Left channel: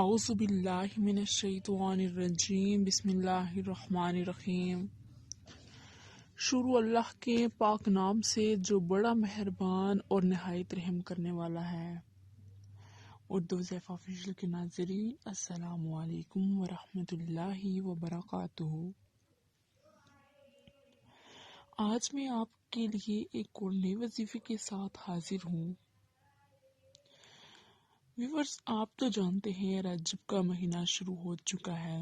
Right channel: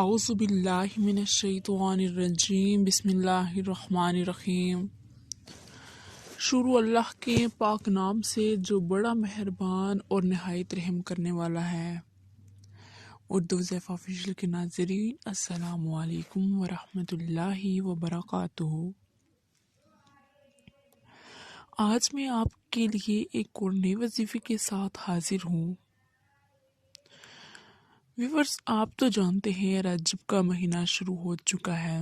اعوذ باللہ من الشیطان الرجیم بسم اللہ الرحمن الرحیم۔ شروع اللہ کے پاک نام سے جو بڑا مہربان اور نہایت رحم کرنے والا ہے۔ اردو ضیف آفیشیل کے ناظرین السلام علیکم ورحمۃ اللہ وبرکاتہ۔ آج میں آپ کے لیے ایک اور نئے وظیفے کے ساتھ حاضر ہوں۔ ویورز، آپ تو جانتے ہیں رجب کا مہینہ شروع ہو چکا ہے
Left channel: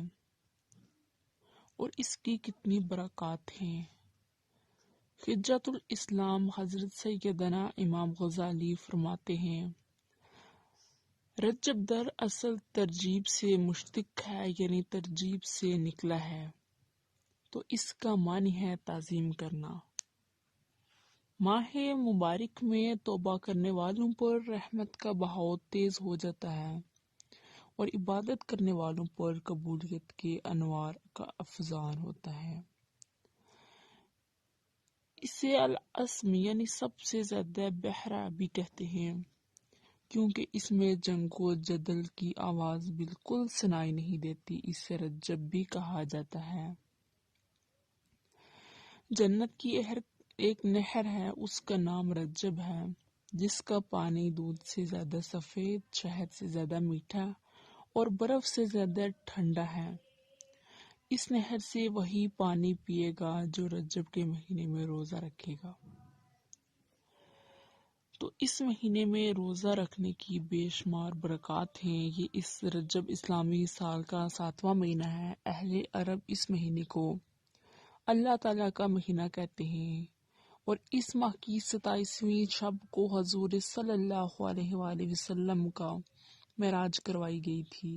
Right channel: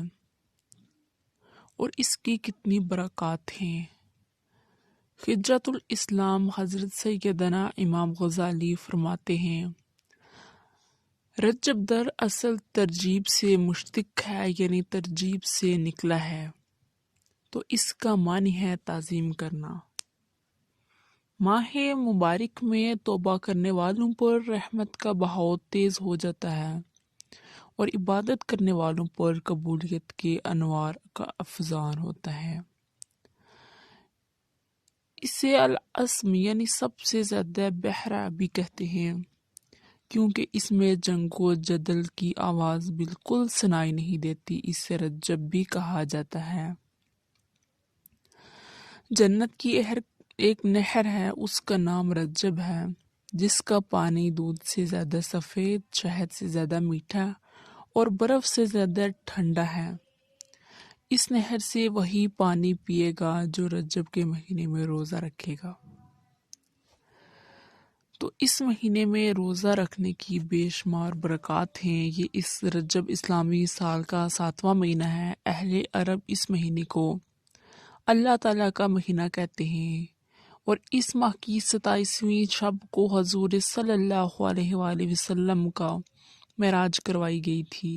اور اس کی کتنی برکات ہیں۔ خجرۃ الاسلام حضرت سیدنا امام غزالی فرماتے ہیں، رجب در اصل ترجیب سے مشتق ہے، یعنی ترجیب سے نکلا ہے، تو اس کا معنی ہے تعظیم کرنا۔ ماہ مبارک میں توبہ کرنے والوں پر رحمت کا بہاؤ تیز ہو جاتا ہے اور عبادت کرنے والوں پر قبولیت کے انوار کا افزان ہوتا ہے۔ اسے الاسم یعنی سب سے زیادہ بہرا بھی کہتے ہیں، کیونکہ اس میں جنگ و جدل کی آواز بالکل سنائی نہیں دیتی، اسے رجب بھی کہا جاتا ہے۔ جنت کی ایک نہر ہے، اس کا نام رجب ہے، جس کا پانی دودھ سے زیادہ سفید، شہد سے زیادہ میٹھا اور برف سے زیادہ ٹھنڈا ہے۔ اس نہر سے وہی پانی پیے گا جو رجب کے مہینے میں روزہ رکھے گا۔ تو اس مہینے میں روزہ رکھنے کی بے شمار برکات ہیں۔ یہ اس رجب اسلامی سال کا 7واں مہینہ ہے۔ اہل عرب اس مہینے کو اللہ تعالیٰ کا مہینہ کہتے ہیں اور اس ماہ کی 27ویں شب کو حضور صلی اللہ علیہ وآلہ وسلم کا معراج کروائی گئی تھی۔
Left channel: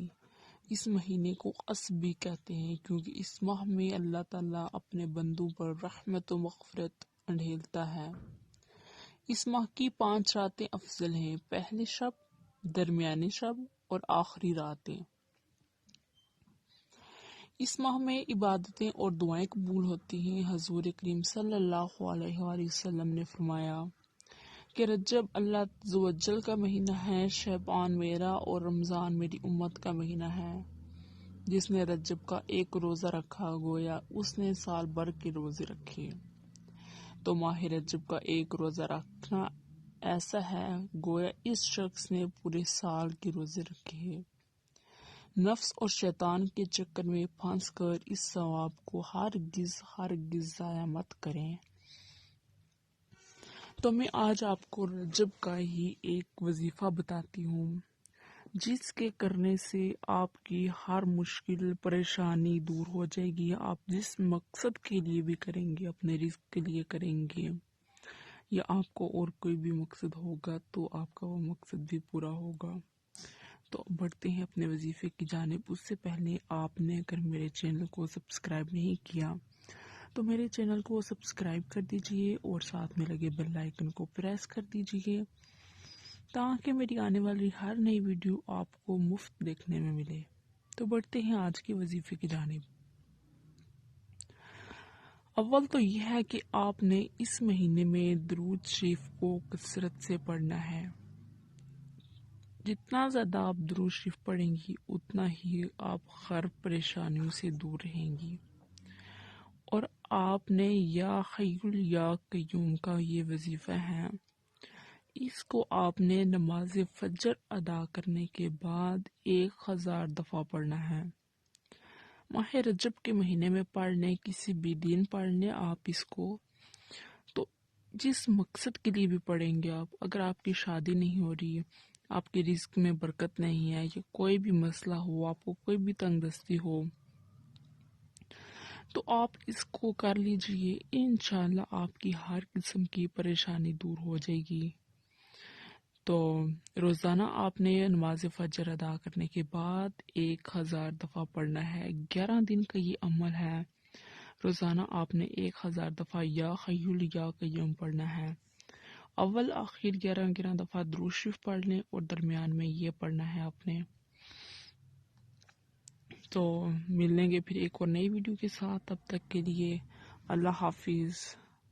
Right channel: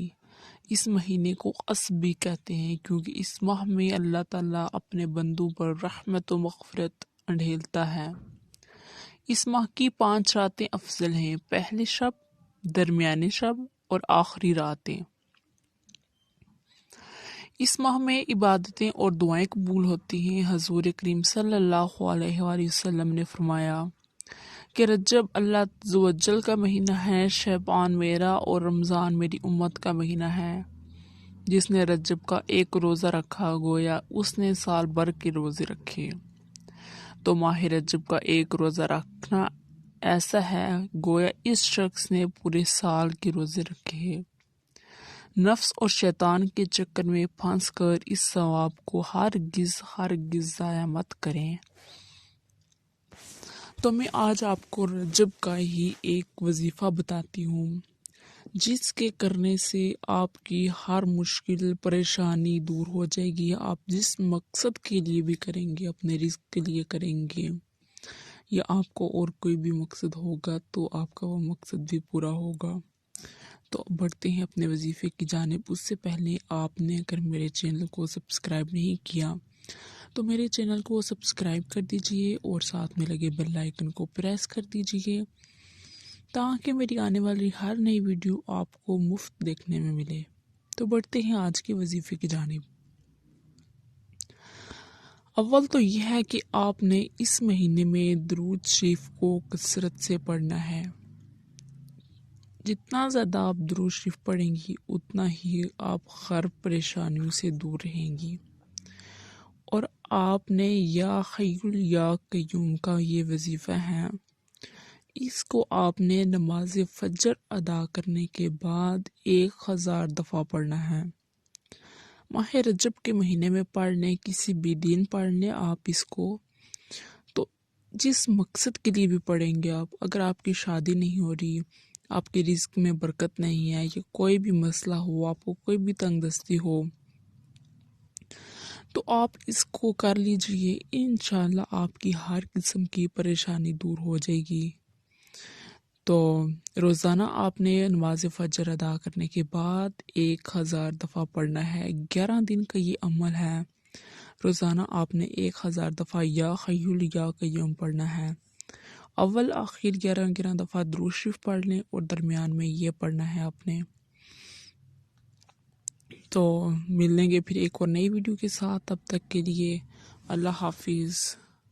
اس مہینے کو قصب بھی کہتے ہیں، کیونکہ اس ماہ میں اللہ تعالیٰ اپنے بندوں پر رحمت و مغفرت انڈھیلتا ہے۔ اس ماہ کی 5 راتیں افضل ہیں، پہلی شب، درمیانی شب اور آخری راتیں۔ اس ماہ میں عبادتیں اور دعائیں قبول ہوتی ہیں۔ حضور کریم صلی اللہ علیہ وآلہ وسلم نے فرمایا کہ رجب اللہ عز و جل کا مہینہ ہے، شعبان میرا اور رمضان میری امت کا مہینہ ہے۔ جس نے رجب کا ایک روزہ رکھا گویا اس نے سال بھر کے روزے رکھے۔ تو ماہ رجب کا ایک روزہ رکھنا ایسا ہے گویا اس شخص نے پورے سال کے روزے رکھے۔ نفس اور شیطان کے چکر میں پھنس کر اس ثواب کو ہرگز ضائع مت کریں۔ تو میں آج آپ کو رجب کا ہی ایک وظیفہ بتاتی ہوں، جس کے کرنے سے آپ کی ہر مشکل پریشانی دور ہو جائے گی۔ آپ جس مقصد کے لیے بھی کریں گے، اپنے رزق کے لیے کریں گے یا آپ کو اور کوئی بھی مقصد ہوگا تو آپ کا وہ مقصد بھی پورا ہوگا۔ تو بڑھتے ہیں اپنے وظیفے کی جانب۔ اس سے پہلے آپ نے اگر میرے چینل کو سبسکرائب نہیں کیا تو میرے چینل کو سبسکرائب کر دیجئے اور ساتھ میں لگے بیل آئیکن کو پریس کر دیجئے تاکہ میری آنے والی ہر نئی ویڈیو آپ کو مفت دیکھنے میں ملے۔ تو بڑھتے ہیں آج کے وظیفے کی جانب۔ اول تو یہ ہے کہ آپ نے اس مہینے میں درود شریف کو کثرت سے پڑھنا ہے۔ جتنا زیادہ آپ درود شریف پڑھیں گی اتنا ہی آپ ہر پریشانیوں سے دور رہیں گی۔ اور آپ نے یا حی یا قیوم کا یہ وظیفہ ہے، اس کو آپ نے نماز فجر ادا کرنے کے بعد 1000 دفعہ پڑھنا ہے۔ ماہ رجب کے مہینے میں پڑھ لیں، کسی بھی دن پڑھ لیں آپ اس کو، تو جس مقصد کے لیے بھی پڑھیں گے آپ، اگر آپ کی شادی نہیں ہو رہی، آپ کے رزق میں برکت نہیں ہے، یا کوئی بھی مسئلہ ہو، آپ کو کوئی بھی تنگ دستی ہو، تو آپ اس کو کر لیجئے، انشاءاللہ آپ کی ہر قسم کی پریشانی دور ہو جائے گی۔ تو روزانہ آپ نے نماز فجر ادا کرنے کے بعد 1000 دفعہ پڑھنا ہے۔ 11 دن کا یہ عمل ہے۔ روزانہ آپ نے 1000 دفعہ یا حی یا قیوم پڑھنا ہے۔ اول آخر 11 دفعہ درود شریف پڑھ لیں اور درمیان میں یہ پڑھنا ہے آپ نے۔ تو ملیں گے پھر ایک اور نئی ویڈیو کے ساتھ، تب تک کے لیے اللہ حافظ۔